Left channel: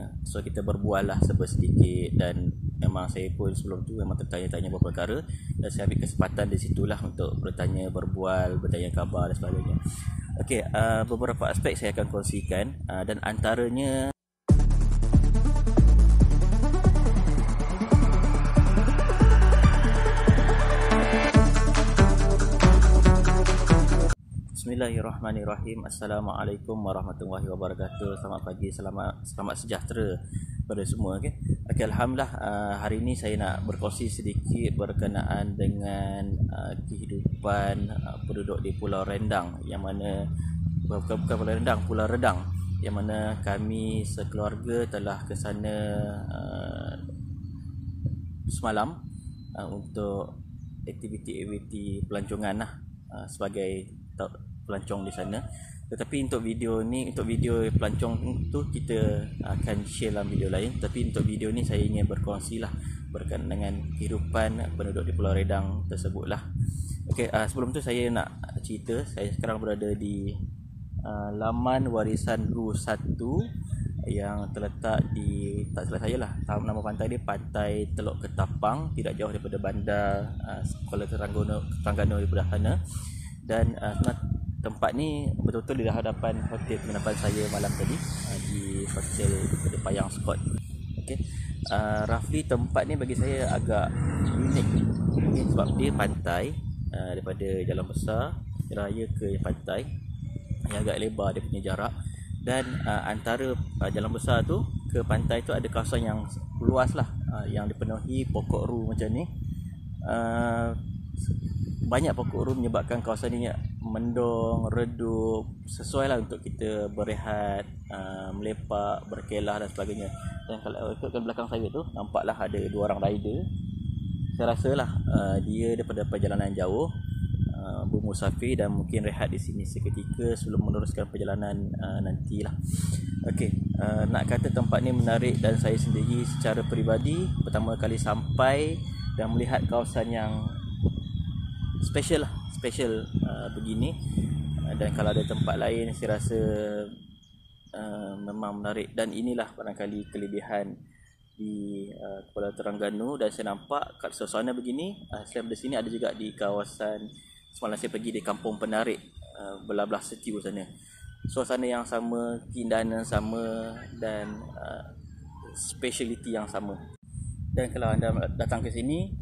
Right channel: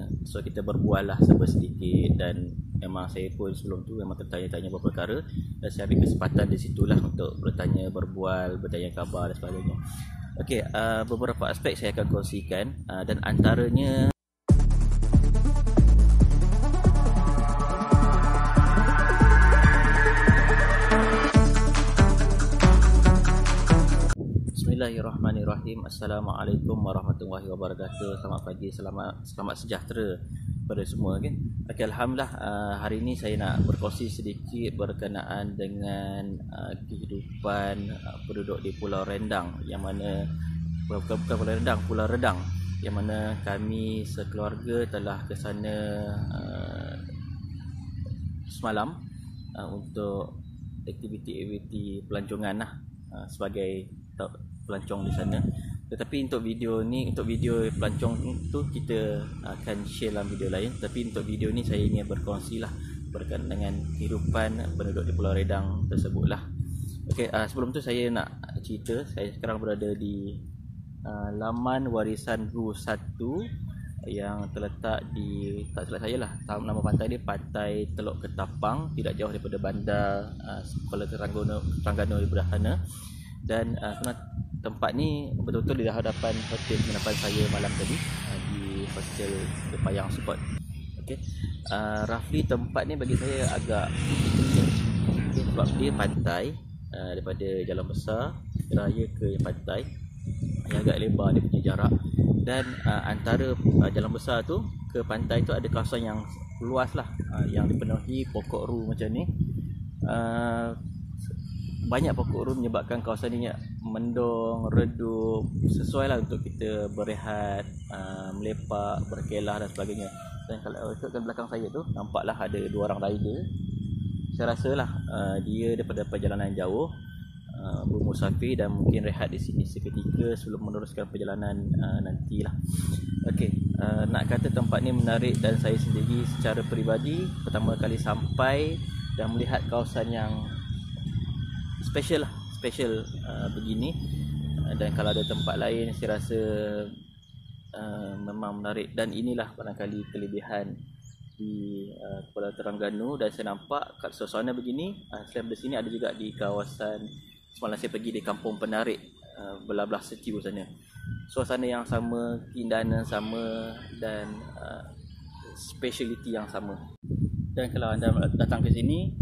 sana. So kita berbual lah sedikit, dan memang saya pun sebelum tu memang tertanya-tanya beberapa perkara, dan saya ambil kesempatan di situlah untuk bertanya, berbual, bertanya khabar dan sebagainya. Okey, beberapa aspek saya akan kongsikan, dan antaranya Bismillahirrahmanirrahim. Assalamualaikum warahmatullahi wabarakatuh. Selamat pagi, selamat sejahtera pada semua. Okey, alhamdulillah, hari ini saya nak berkongsi sedikit berkenaan dengan kehidupan penduduk di Pulau Rendang, yang mana bukan Pulau Rendang, Pulau Redang, yang mana kami sekeluarga telah ke sana semalam untuk aktiviti pelancongan lah, sebagai pelancong di sana. Tetapi untuk video pelancong tu kita akan share dalam video lain. Tapi untuk video ni saya ingin berkongsi lah berkaitan dengan kehidupan penduduk di Pulau Redang tersebut lah. Okey, sebelum tu saya nak cerita, saya sekarang berada di laman warisan Ru 1 yang terletak di, tak salah saya lah, nama pantai dia Pantai Teluk Ketapang, tidak jauh daripada bandar Kuala Terengganu di belah sana. Dan tempat ni betul-betul di hadapan hotel penginapan saya malam tadi, di hotel di Payang Spot. Okey, roughly tempat ni bagi saya agak unik, okay, sebab dia pantai, daripada jalan besar raya ke pantai yang agak lebar dia punya jarak, dan antara jalan besar tu ke pantai tu ada kawasan yang luas lah, yang dipenuhi pokok ru macam ni. Banyak pokok ru menyebabkan kawasan ini mendung, redup, sesuai lah untuk kita berehat, melepak, berkelah dan sebagainya. Dan kalau ikutkan belakang saya tu, nampaklah ada dua orang rider. Saya rasa lah dia daripada perjalanan jauh, bermusafir dan mungkin rehat di sini seketika sebelum meneruskan perjalanan nantilah. Okey, nak kata tempat ni menarik, dan saya sendiri secara peribadi pertama kali sampai dan melihat kawasan yang special begini, dan kalau ada tempat lain saya rasa memang menarik. Dan inilah barangkali kelebihan di Kuala Terengganu, dan saya nampak kat suasana begini selain dari sini ada juga di kawasan semalam saya pergi di Kampung Penarik, belah-belah Setiu sana. Suasana yang sama, keindahan yang sama, dan speciality yang sama. Dan kalau anda datang ke sini,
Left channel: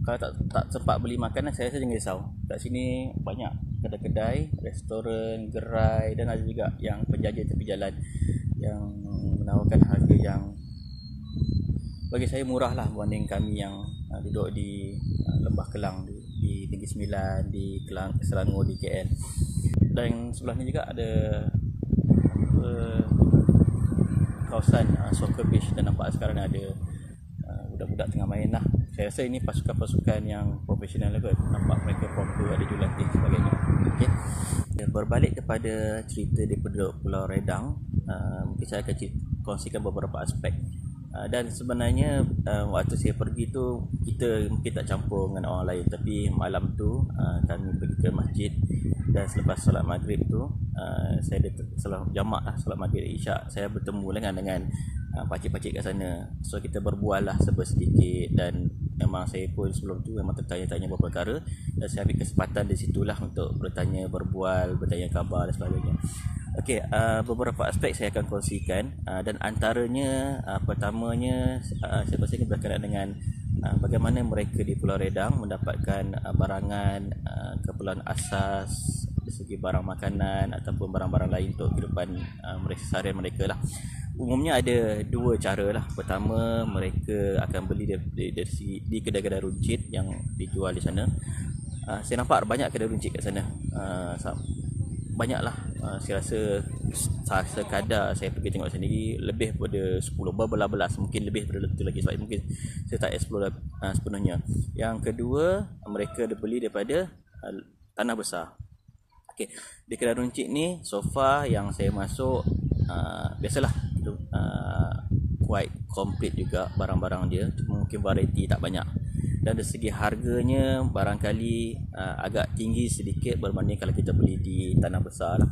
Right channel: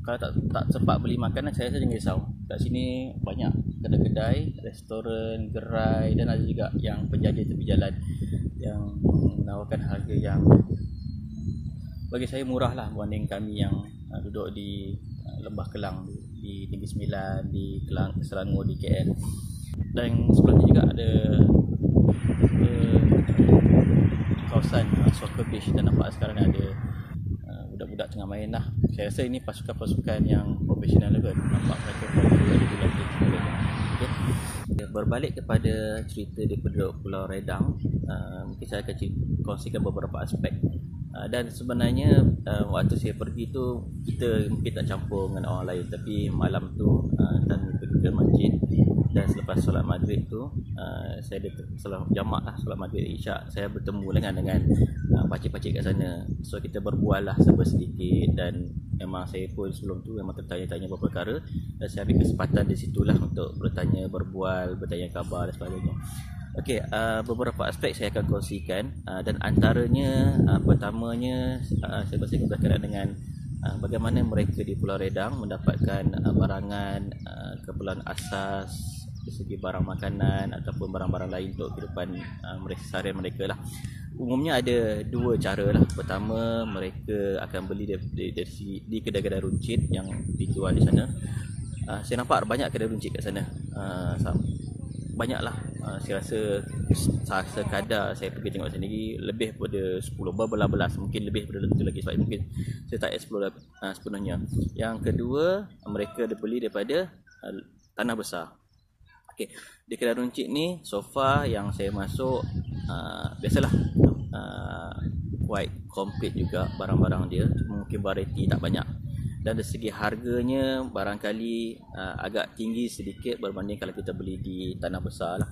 kalau tak sempat beli makanan, saya rasa jangan risau. Kat sini banyak kedai-kedai, restoran, gerai, dan ada juga yang penjajah tepi jalan yang menawarkan harga yang bagi saya murah lah berbanding kami yang duduk di Lembah Kelang, di Negeri Sembilan, di Selangor, di KL. Dan sebelah ni juga ada kawasan soccer pitch, dan nampak sekarang ada budak-budak tengah main lah. Saya rasa ini pasukan-pasukan yang profesional kot. Nampak mereka popular di dilatih sebagainya. Okay. Berbalik kepada cerita di penduduk Pulau Redang, mungkin saya akan kongsikan beberapa aspek. Dan sebenarnya waktu saya pergi tu, kita mungkin tak campur dengan orang lain. Tapi malam tu kami pergi ke masjid, dan selepas solat maghrib tu saya ada salat jamak lah, solat maghrib isyak, saya bertemu dengan pakcik-pakcik kat sana. So kita berbual lah sedikit, dan memang saya pun sebelum tu memang tertanya-tanya beberapa perkara, dan saya ambil kesempatan di situlah untuk bertanya, berbual, bertanya khabar dan sebagainya. Okey, beberapa aspek saya akan kongsikan, dan antaranya pertamanya saya kongsikan berkaitan dengan bagaimana mereka di Pulau Redang mendapatkan barangan keperluan asas dari segi barang makanan ataupun barang-barang lain untuk kehidupan mereka seharian mereka lah. Umumnya ada dua cara lah. Pertama, mereka akan beli di kedai-kedai runcit yang dijual di sana. Saya nampak banyak kedai runcit kat sana. Banyaklah, saya rasa sekadar saya pergi tengok sendiri lebih daripada 10, berbelas-belas, mungkin lebih daripada itu lagi, sebab mungkin saya tak explore sepenuhnya. Yang kedua, mereka beli daripada tanah besar. Okey, di kedai runcit ni so far yang saya masuk, biasalah quite complete juga barang-barang dia, mungkin variety tak banyak. Dan dari segi harganya barangkali agak tinggi sedikit berbanding kalau kita beli di tanah besar lah.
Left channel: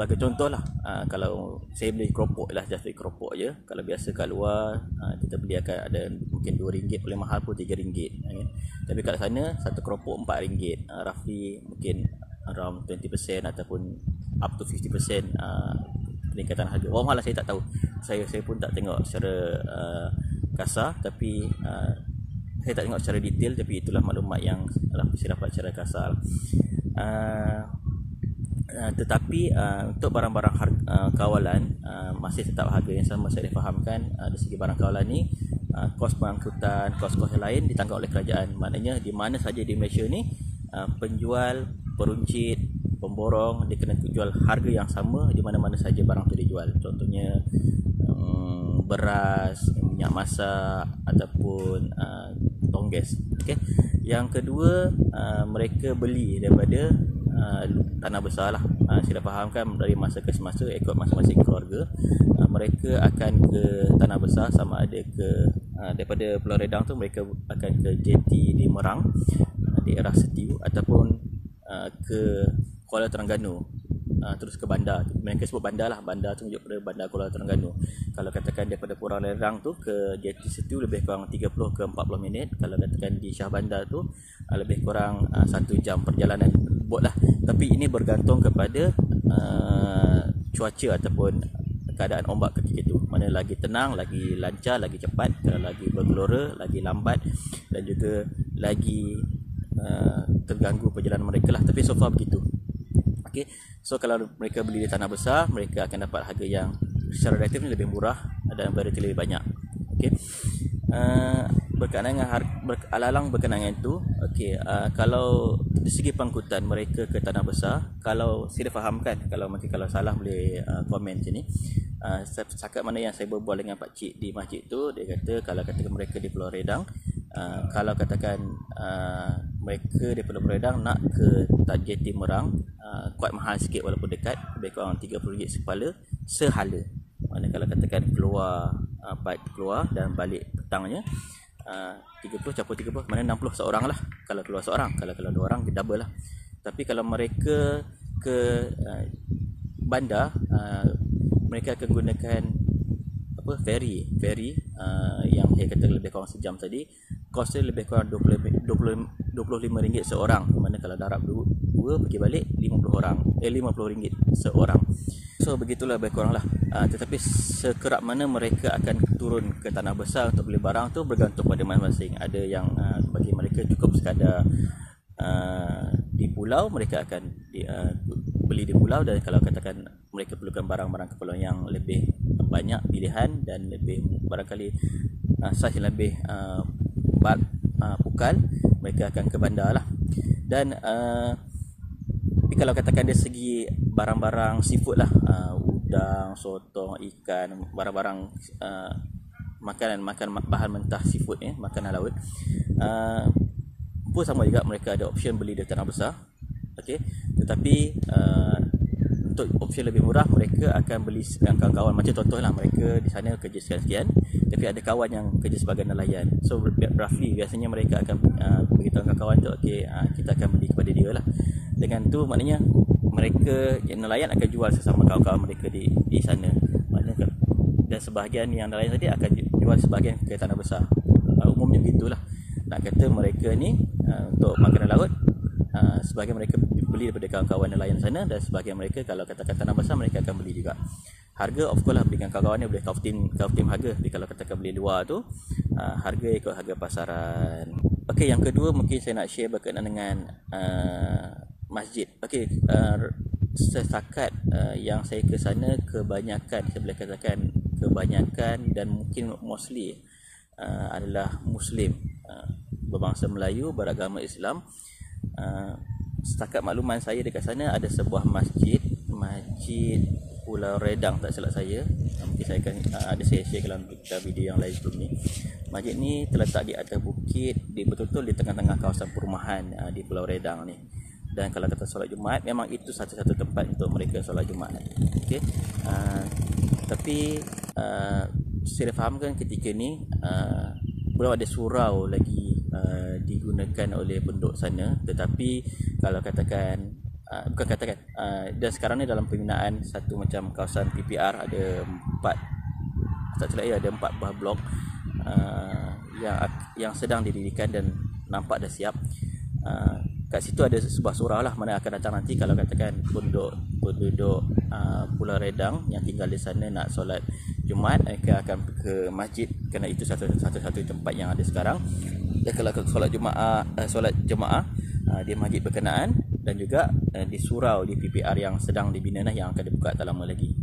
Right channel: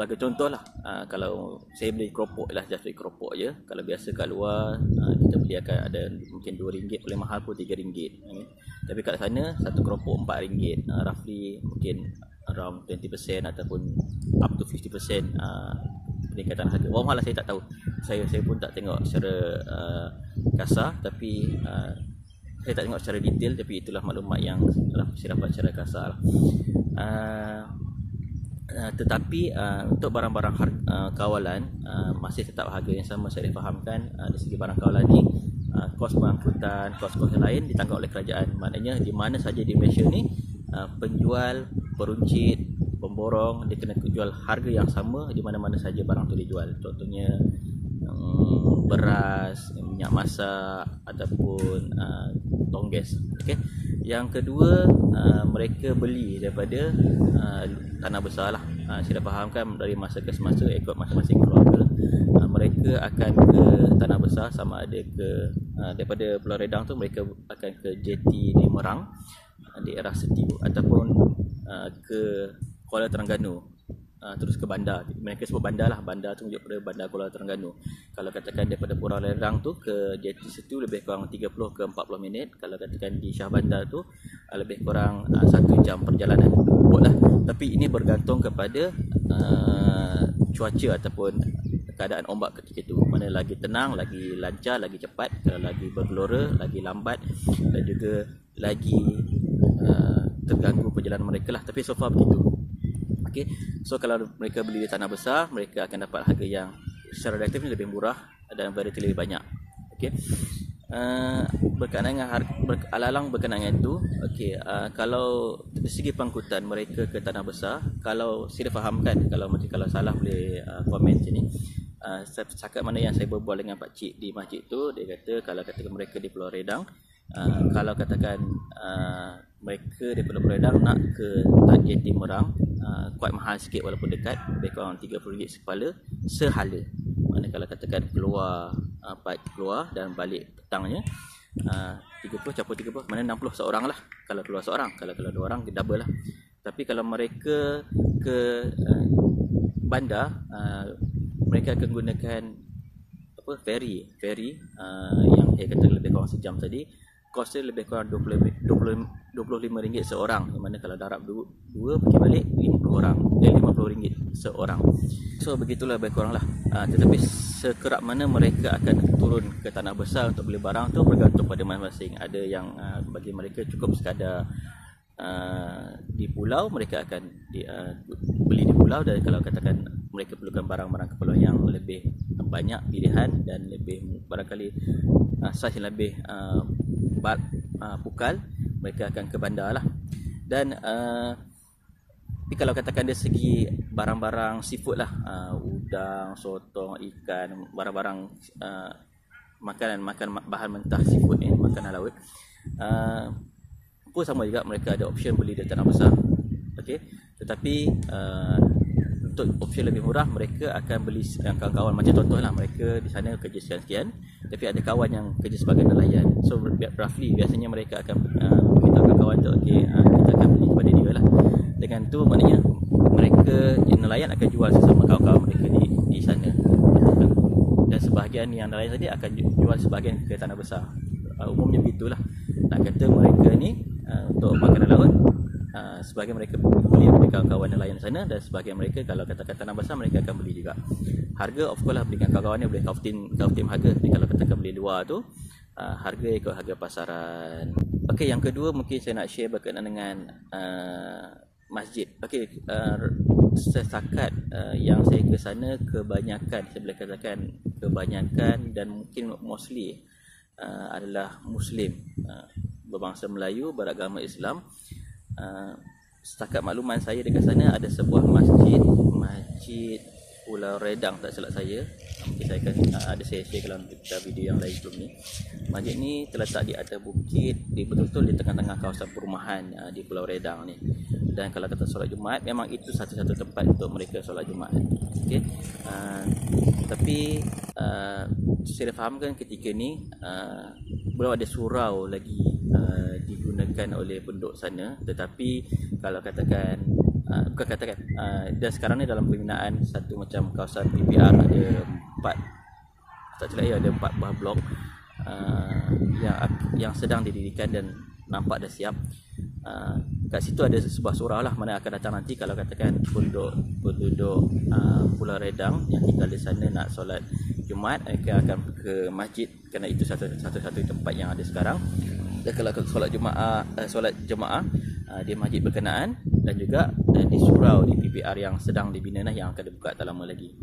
sebagai contoh lah, kalau saya beli keropok lah, just beli keropok je. Kalau biasa kat luar kita beli akan ada mungkin RM2, paling mahal pun RM3, tapi kat sana satu keropok RM4, roughly mungkin around 20% ataupun up to 50% peningkatan harga. Malah saya tak tahu, saya pun tak tengok secara kasar, tapi saya tak tengok secara detail, tapi itulah maklumat yang saya dapat secara kasar. Tetapi untuk barang-barang kawalan masih tetap harga yang sama. Saya fahamkan dari segi barang kawalan ni kos pengangkutan, kos-kos yang lain ditanggung oleh kerajaan. Maknanya di mana saja di Malaysia ni penjual, peruncit, pemborong dia kena jual harga yang sama di mana-mana saja barang tu dijual. Contohnya beras, minyak masak ataupun tongges. Okey. Yang kedua, mereka beli daripada tanah besar lah. Saya dah fahamkan dari masa ke semasa ikut masing-masing keluarga, mereka akan ke tanah besar, sama ada ke daripada Pulau Redang tu mereka akan ke JT di Merang, di daerah Setiu, ataupun ke Kuala Terengganu, terus ke bandar. Mereka sebut bandar lah, bandar tu merujuk pada bandar Kuala Terengganu. Kalau katakan daripada Pulau Redang tu ke JT Setiu lebih kurang 30 ke 40 minit. Kalau katakan di Shah Bandar tu lebih kurang 1 jam perjalanan bot lah. Tapi ini bergantung kepada cuaca ataupun keadaan ombak ketika itu. Mana lagi tenang, lagi lancar, lagi cepat. Kalau lagi bergelora, lagi lambat, dan juga lagi terganggu perjalanan mereka lah. Tapi so far begitu. Okay. So kalau mereka beli di tanah besar, mereka akan dapat harga yang secara relatif lebih murah dan variety lebih banyak. Okay. Berkenaan dengan alalang berkenaan dengan itu, okay, kalau dari segi pengangkutan mereka ke tanah besar, kalau saya fahamkan, kalau salah boleh komen sini. Setakat mana yang saya berbual dengan Pak Cik di masjid tu, dia kata kalau katakan mereka di Pulau Redang, kalau katakan mereka di Pulau Redang nak ke JT Merang, kuat mahal sikit walaupun dekat, lebih kurang RM30 sekepala sehala. Mana kalau katakan keluar dan balik petangnya 30 campur 30, mana 60 seorang lah kalau keluar seorang. Kalau 2 orang double lah. Tapi kalau mereka ke bandar, mereka akan gunakan ferry yang saya kata lebih kurang sejam tadi. Kos dia lebih kurang RM25 seorang, di mana kalau darab 2 pergi balik RM50 seorang. So begitulah lebih kurang lah. Tetapi sekerap mana mereka akan turun ke tanah besar untuk beli barang tu bergantung pada masing-masing. Ada yang bagi mereka cukup sekadar di pulau, mereka akan beli di pulau. Dan kalau katakan mereka perlukan barang-barang keperluan yang lebih banyak pilihan dan lebih barangkali saiz yang lebih pukal, mereka akan ke bandar lah. Dan tapi kalau katakan dari segi barang-barang seafood lah, udang, sotong, ikan, barang-barang makanan bahan mentah seafood ni, makanan laut, pun sama juga mereka ada option beli di tanah besar. Okey, tetapi untuk option lebih murah mereka akan beli dengan kawan-kawan. Macam contohlah mereka di sana kerja sekian-sekian, tapi ada kawan yang kerja sebagai nelayan. So roughly biasanya mereka akan beritahu kawan tu, okey, kita akan beli kepada dia lah. Dengan tu maknanya mereka yang nelayan akan jual sesama kawan-kawan mereka di sana. Dan sebahagian yang nelayan tadi akan jual sebahagian ke tanah besar. Umumnya begitulah. Nak kata mereka ni untuk makanan laut, sebahagian mereka beli daripada kawan-kawan nelayan sana, dan sebahagian mereka kalau katakan tanah besar mereka akan beli juga. Harga of course lah beli dengan kawan-kawan ni boleh kau tim harga. Tapi kalau katakan beli luar tu, harga ikut harga pasaran. Okey, yang kedua mungkin saya nak share berkenaan dengan masjid. Okey, setakat yang saya ke sana, kebanyakan, saya boleh katakan kebanyakan dan mungkin mostly adalah Muslim, berbangsa Melayu, beragama Islam. Setakat makluman saya dekat sana ada sebuah masjid Pulau Redang tak silap saya. Mungkin saya akan ada saya share dalam video yang lain sebelum ni. Masjid ni terletak di atas bukit, betul-betul di tengah-tengah kawasan perumahan di Pulau Redang ni. Dan kalau kata solat Jumaat, memang itu satu-satu tempat untuk mereka solat Jumaat. Okey. Tapi saya fahamkan ketika ni belum ada surau lagi digunakan oleh penduduk sana. Tetapi kalau katakan bukan katakan, dan sekarang ni dalam pembinaan satu macam kawasan PPR, ada 4, tak silap ada 4 buah blok yang sedang didirikan dan nampak dah siap. Kat situ ada sebuah surau lah mana akan datang nanti kalau katakan penduduk Pulau Redang yang tinggal di sana nak solat Jumaat, mereka akan ke masjid kerana itu satu-satu tempat yang ada sekarang. Dan kalau solat jemaah di masjid berkenaan, dan juga di surau di PPR yang sedang dibina yang akan dibuka tak lama lagi.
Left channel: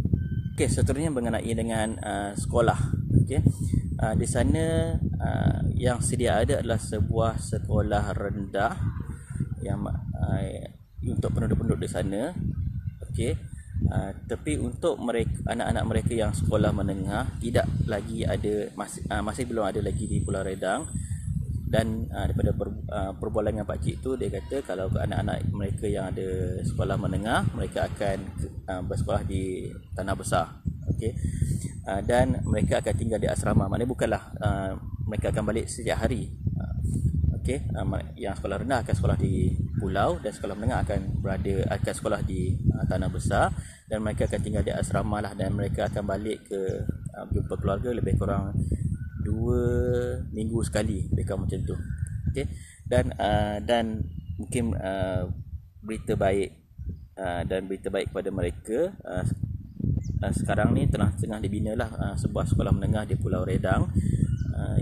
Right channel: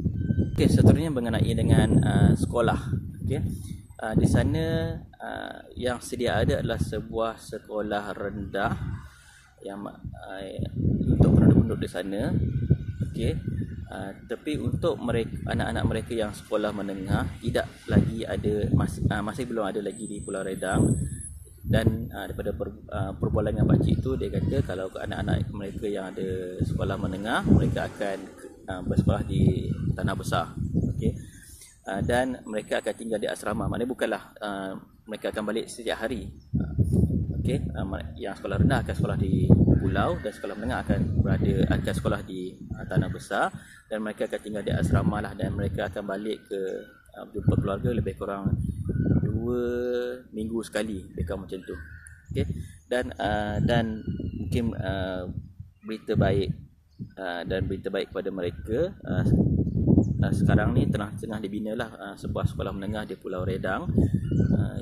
Okey, seterusnya mengenai dengan sekolah. Okey, di sana yang sedia ada adalah sebuah sekolah rendah yang untuk penduduk-penduduk di sana. Okey, tapi untuk anak-anak mereka yang sekolah menengah tidak lagi ada, masih belum ada lagi di Pulau Redang. Dan daripada perbualan dengan pakcik itu, dia kata kalau anak-anak mereka yang ada sekolah menengah, mereka akan bersekolah di Tanah Besar. Okey, dan mereka akan tinggal di asrama. Maknanya bukanlah mereka akan balik setiap hari. Okey, yang sekolah rendah akan sekolah di pulau, dan sekolah menengah akan sekolah di Tanah Besar, dan mereka akan tinggal di asrama lah, dan mereka akan balik ke jumpa keluarga lebih kurang 2 minggu sekali, lebih kurang macam tu. Okey, dan mungkin berita baik kepada mereka, sekarang ni tengah dibina lah sebuah sekolah menengah di Pulau Redang,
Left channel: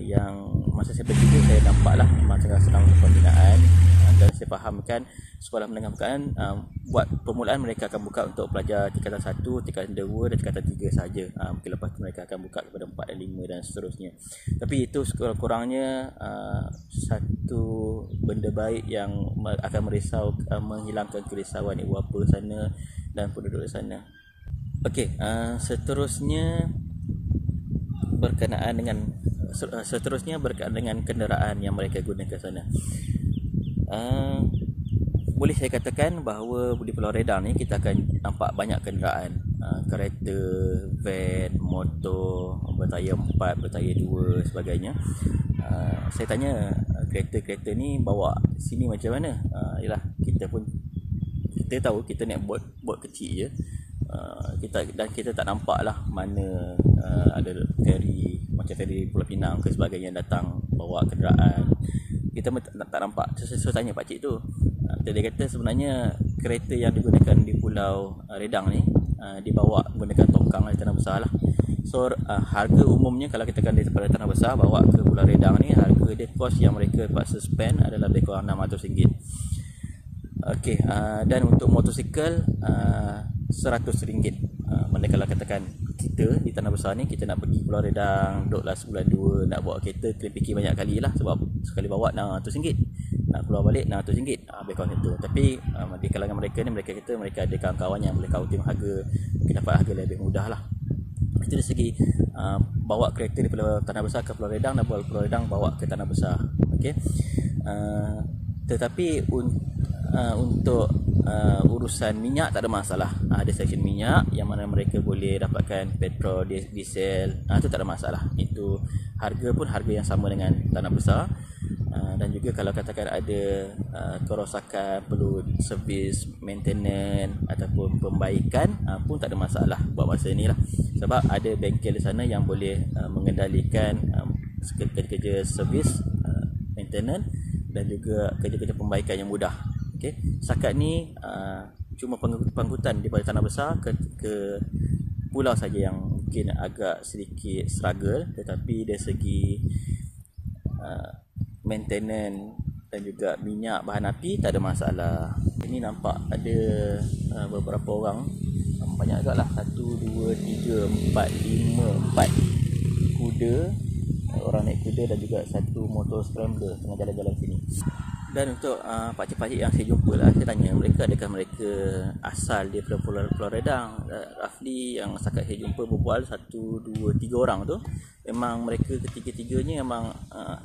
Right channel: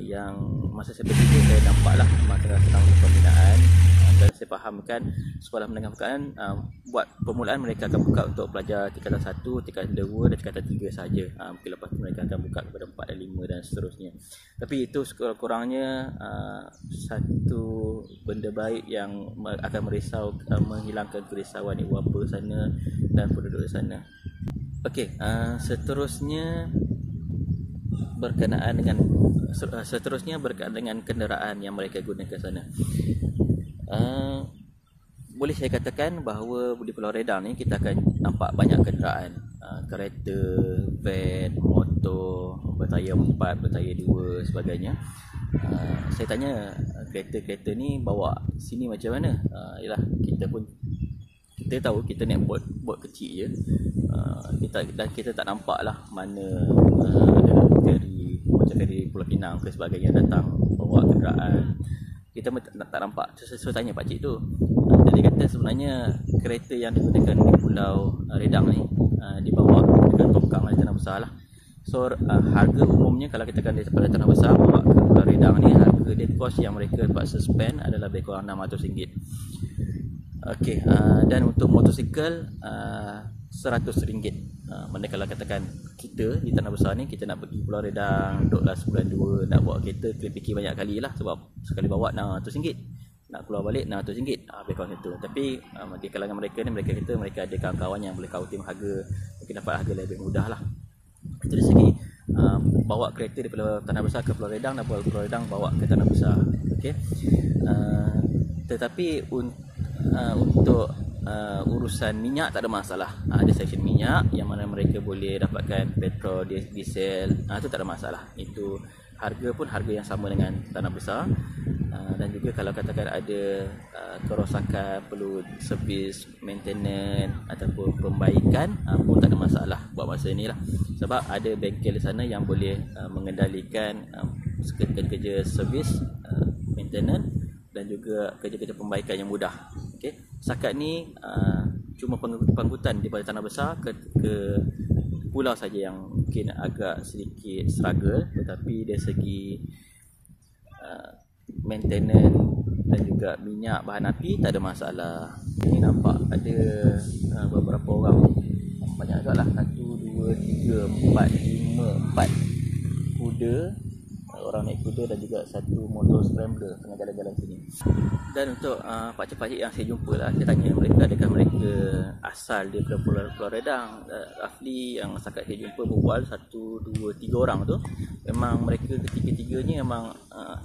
yang masa saya pergi tu saya nampak lah tengah sedang pembinaan, dan saya fahamkan sekolah menengah berkenaan buat permulaan mereka akan buka untuk pelajar tingkatan 1, tingkatan 2 dan tingkatan 3 saja. Mungkin lepas tu mereka akan buka kepada 4 dan 5 dan seterusnya. Tapi itu sekurang-kurangnya satu benda baik yang akan menghilangkan kerisauan ibu bapa sana dan penduduk di sana. Okey, seterusnya berkenaan dengan kenderaan yang mereka gunakan sana. Boleh saya katakan bahawa di Pulau Redang ni kita akan nampak banyak kenderaan, kereta, van, motor bertayar 4, bertayar 2 sebagainya. Saya tanya kereta-kereta ni bawa sini macam mana? Yalah, kita tahu kita naik bot kecil je, kita tak nampak lah mana ada feri macam feri Pulau Pinang ke sebagainya datang bawa kenderaan. Kita tak nampak. Saya tanya pakcik tu, dia kata sebenarnya kereta yang digunakan di Pulau Redang ni dibawa menggunakan tongkang di Tanah Besar lah. So harga umumnya kalau kita akan daripada Tanah Besar bawa ke Pulau Redang ni, harga dia, kos yang mereka paksa spend adalah lebih kurang RM600. Okey, dan untuk motosikal RM100. Mana kalau katakan kita di Tanah Besar ni, kita nak pergi Pulau Redang, duduklah sebulan 2, nak bawa kereta kena fikir banyak kali lah, sebab sekali bawa RM600, nak keluar balik RM600, lebih kurang itu. Tapi di kalangan mereka ni, mereka kata mereka ada kawan-kawan yang boleh kautim harga, mungkin dapat harga lebih mudah lah. Itu dari segi bawa kereta di Pulau Tanah Besar ke Pulau Redang, dan Pulau Redang bawa ke Tanah Besar. Okey, tetapi untuk urusan minyak tak ada masalah. Ada stesen minyak yang mana mereka boleh dapatkan petrol, diesel, itu tak ada masalah. Itu harga pun harga yang sama dengan Tanah Besar. Dan juga kalau katakan ada kerosakan, perlu servis, maintenance ataupun pembaikan, pun tak ada masalah buat masa ni lah. Sebab ada bengkel di sana yang boleh mengendalikan kerja-kerja servis, maintenance dan juga kerja-kerja pembaikan yang mudah. Okay. Setakat ni cuma pengangkutan daripada Tanah Besar ke pulau saja yang mungkin agak sedikit struggle, tetapi dari segi maintenance dan juga minyak, bahan api tak ada masalah. Ini nampak ada beberapa orang, banyak agak lah, 1, 2, 3, 4, 5, 4 kuda, orang naik kuda, dan juga satu motor scrambler tengah jalan-jalan sini. Dan untuk pakcik-pakcik yang saya jumpa lah, saya tanya mereka adakah mereka asal daripada Pulau Redang. Roughly yang setakat saya jumpa berbual 1, 2, 3 orang tu, memang mereka ketiga-tiganya memang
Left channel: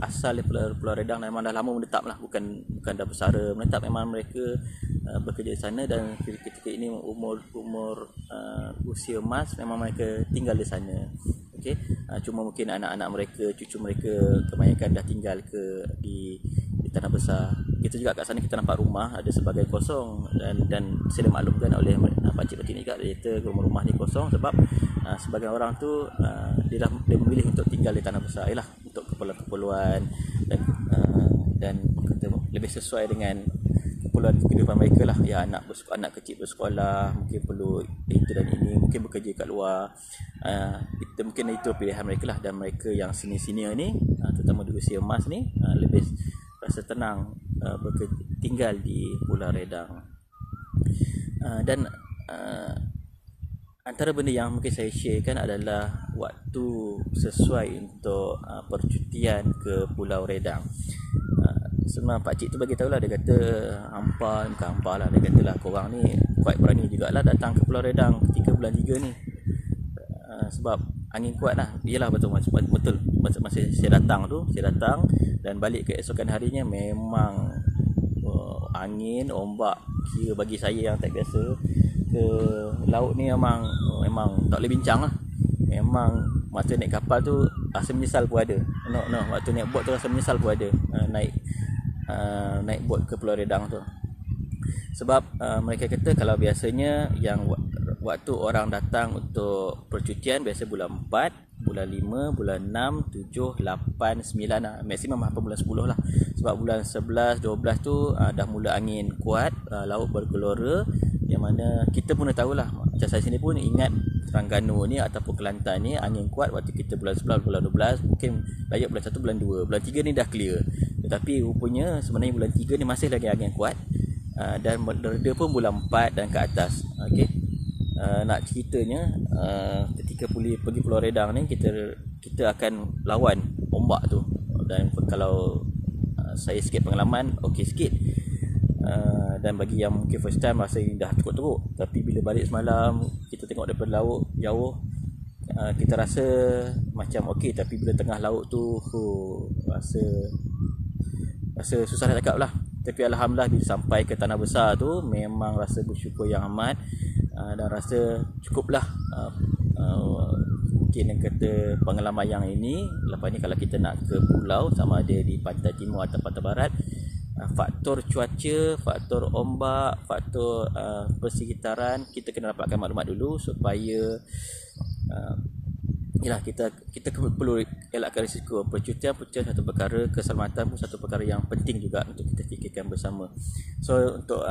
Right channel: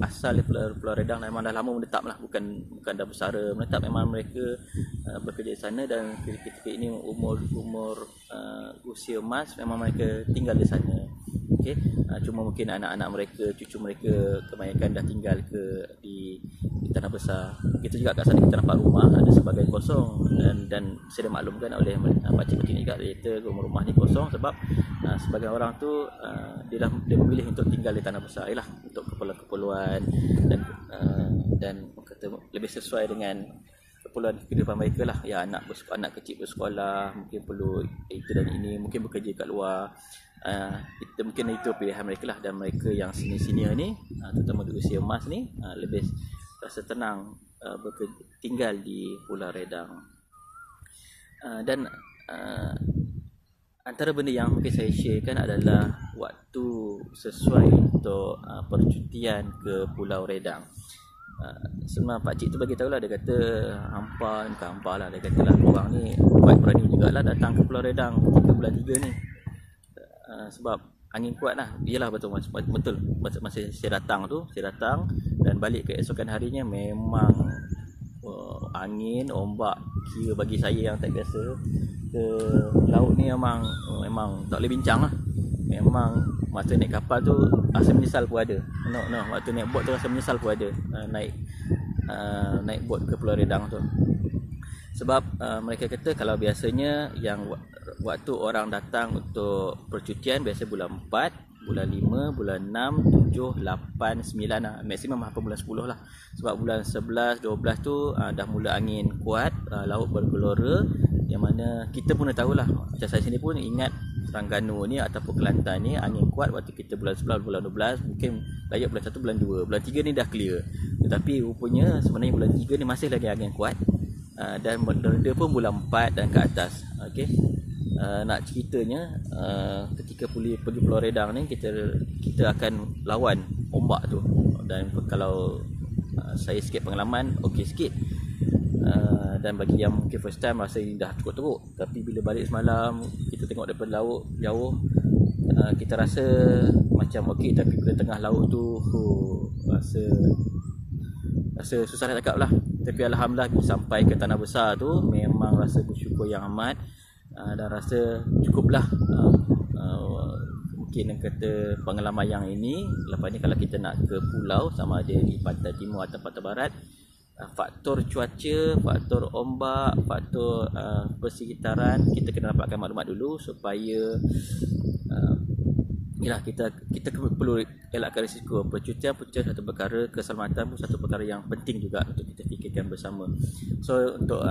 asal daripada Pulau Redang, dan memang dah lama menetap lah, bukan dah bersara menetap. Memang mereka bekerja di sana, dan ketika ini umur usia emas memang mereka tinggal di sana. Okey, cuma mungkin anak-anak mereka, cucu mereka kebanyakan dah tinggal di tanah besar. Begitu juga kat sana kita nampak rumah ada sebahagian kosong, dan saya maklumkan oleh pakcik-pakcik ni kat kata rumah-rumah ni kosong sebab sebagian orang tu dia memilih untuk tinggal di tanah besar ialah untuk keperluan-keperluan dan kata lebih sesuai dengan keperluan kehidupan mereka lah. Ya, anak kecil bersekolah, mungkin perlu itu dan ini, mungkin bekerja kat luar. Mungkin itu pilihan mereka lah. Dan mereka yang senior-senior ni, terutama di usia emas ni, lebih rasa tenang tinggal di Pulau Redang. Dan antara benda yang mungkin saya sharekan adalah waktu sesuai untuk percutian ke Pulau Redang. Sebenarnya pakcik tu bagi tahu lah, dia kata bukan hampa lah, dia kata lah korang ni kuat berani jugalah datang ke Pulau Redang ketika bulan 3 ni, sebab angin kuat lah. Yelah betul masa saya datang dan balik ke esokan harinya memang angin, ombak, kira bagi saya yang tak biasa ke laut ni memang tak boleh bincang lah. Memang waktu naik kapal tu rasa menyesal pun ada. Waktu naik bot tu rasa menyesal pun ada. Naik bot ke Pulau Redang tu. Sebab mereka kata kalau biasanya yang waktu orang datang untuk percutian biasa bulan 4, bulan 5, bulan 6, 7, 8, 9 lah. Maksimum apa bulan 10 lah. Sebab bulan 11, 12 tu dah mula angin kuat, laut bergelora, yang mana kita pun dah tahulah. Macam saya sendiri pun ingat Terengganu ni ataupun Kelantan ni angin kuat waktu kita bulan 11, bulan 12, mungkin layak bulan 1, bulan 2, bulan 3 ni dah clear. Tetapi rupanya sebenarnya bulan 3 ni masih lagi angin kuat, dan mereda pun bulan 4 dan ke atas. Okey. Nak ceritanya ketika pergi Pulau Redang ni kita akan lawan ombak tu, dan kalau saya sikit pengalaman okey sikit, dan bagi yang mungkin first time rasa ini dah teruk-teruk, tapi bila balik semalam kita tengok daripada laut jauh, kita rasa macam okey, tapi bila tengah laut tu rasa susah nak cakap lah. Tapi alhamdulillah bila sampai ke tanah besar tu memang rasa bersyukur yang amat, dan rasa cukuplah. Mungkin yang kata pengalaman yang ini, lepas ni kalau kita nak ke pulau sama ada di pantai timur atau pantai barat, faktor cuaca, faktor ombak, faktor persekitaran, kita kena dapatkan maklumat dulu supaya kita perlu elakkan risiko. Percutian satu perkara, keselamatan pun satu perkara yang penting juga untuk kita fikirkan bersama. So untuk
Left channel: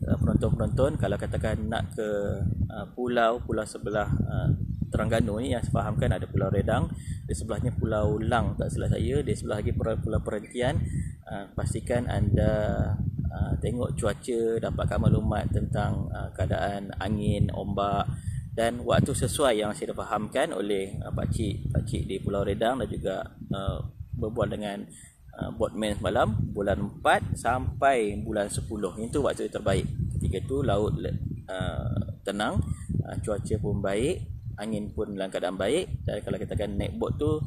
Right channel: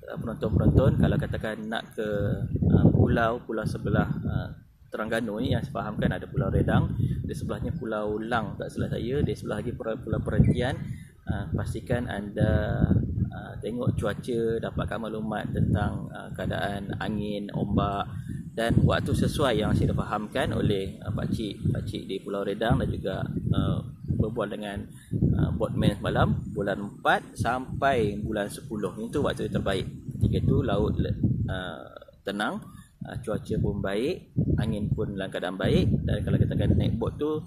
penonton-penonton, kalau katakan nak ke pulau sebelah Terengganu ni, yang saya fahamkan ada Pulau Redang, di sebelahnya Pulau Lang tak salah saya, di sebelah lagi Pulau Perhentian. Pastikan anda tengok cuaca, dapatkan maklumat tentang keadaan angin, ombak, dan waktu sesuai yang saya dah fahamkan oleh pakcik di Pulau Redang, dan juga berbual dengan boatman semalam, bulan 4 sampai bulan 10 itu waktu terbaik. Ketika itu laut tenang, cuaca pun baik, angin pun dalam keadaan baik, dan kalau katakan naik bot tu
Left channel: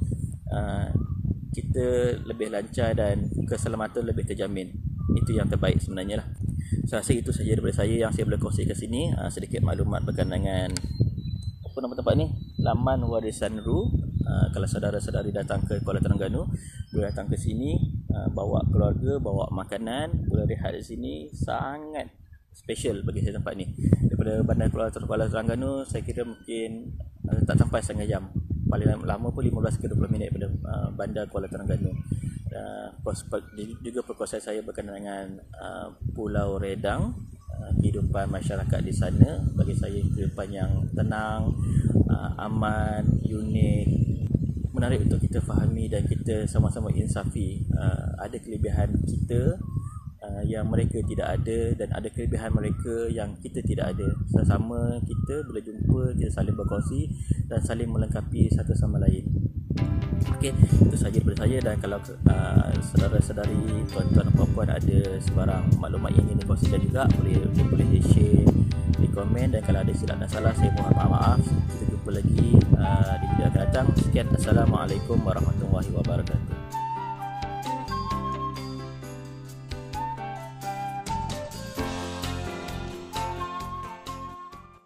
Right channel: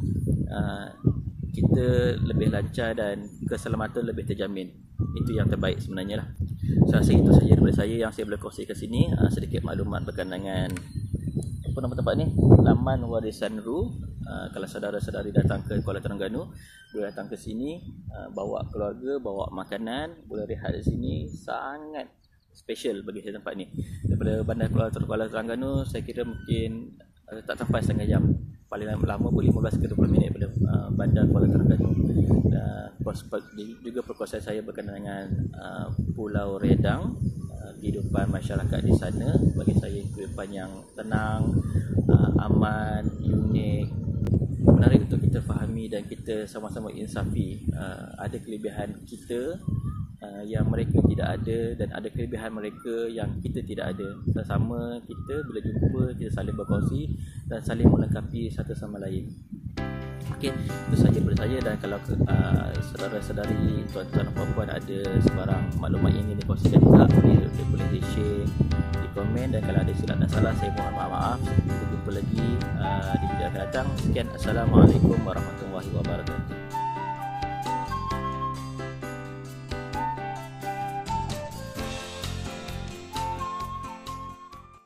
kita lebih lancar dan keselamatan lebih terjamin. Itu yang terbaik sebenarnya lah. Saya rasa itu saja daripada saya yang saya boleh kongsi ke sini. Sedikit maklumat berkenaan dengan apa nama tempat ni, Laman Warisan Ru. Kalau saudara-saudari datang ke Kuala Terengganu, boleh datang ke sini, bawa keluarga, bawa makanan, boleh rehat di sini. Sangat special bagi saya tempat ni. Daripada bandar Kuala Terengganu saya kira mungkin tak sampai setengah jam, paling lama pun 15 ke 20 minit daripada bandar Kuala Terengganu. Juga perkongsian saya berkenaan dengan Pulau Redang, kehidupan masyarakat di sana bagi saya kehidupan yang tenang, aman, unik, menarik untuk kita fahami dan kita sama-sama insafi. Ada kelebihan kita yang mereka tidak ada, dan ada kelebihan mereka yang kita tidak ada. Sama kita bila jumpa, kita saling berkongsi dan saling melengkapi satu sama lain. Okey, itu sahaja daripada saya. Dan kalau saudara-saudari, tuan-tuan dan puan-puan ada sebarang maklumat yang ingin dikongsikan juga, boleh di-share di komen. Dan kalau ada silap dan salah, saya mohon maaf. Kita jumpa lagi di video akan datang. Sekian, Assalamualaikum warahmatullahi wabarakatuh.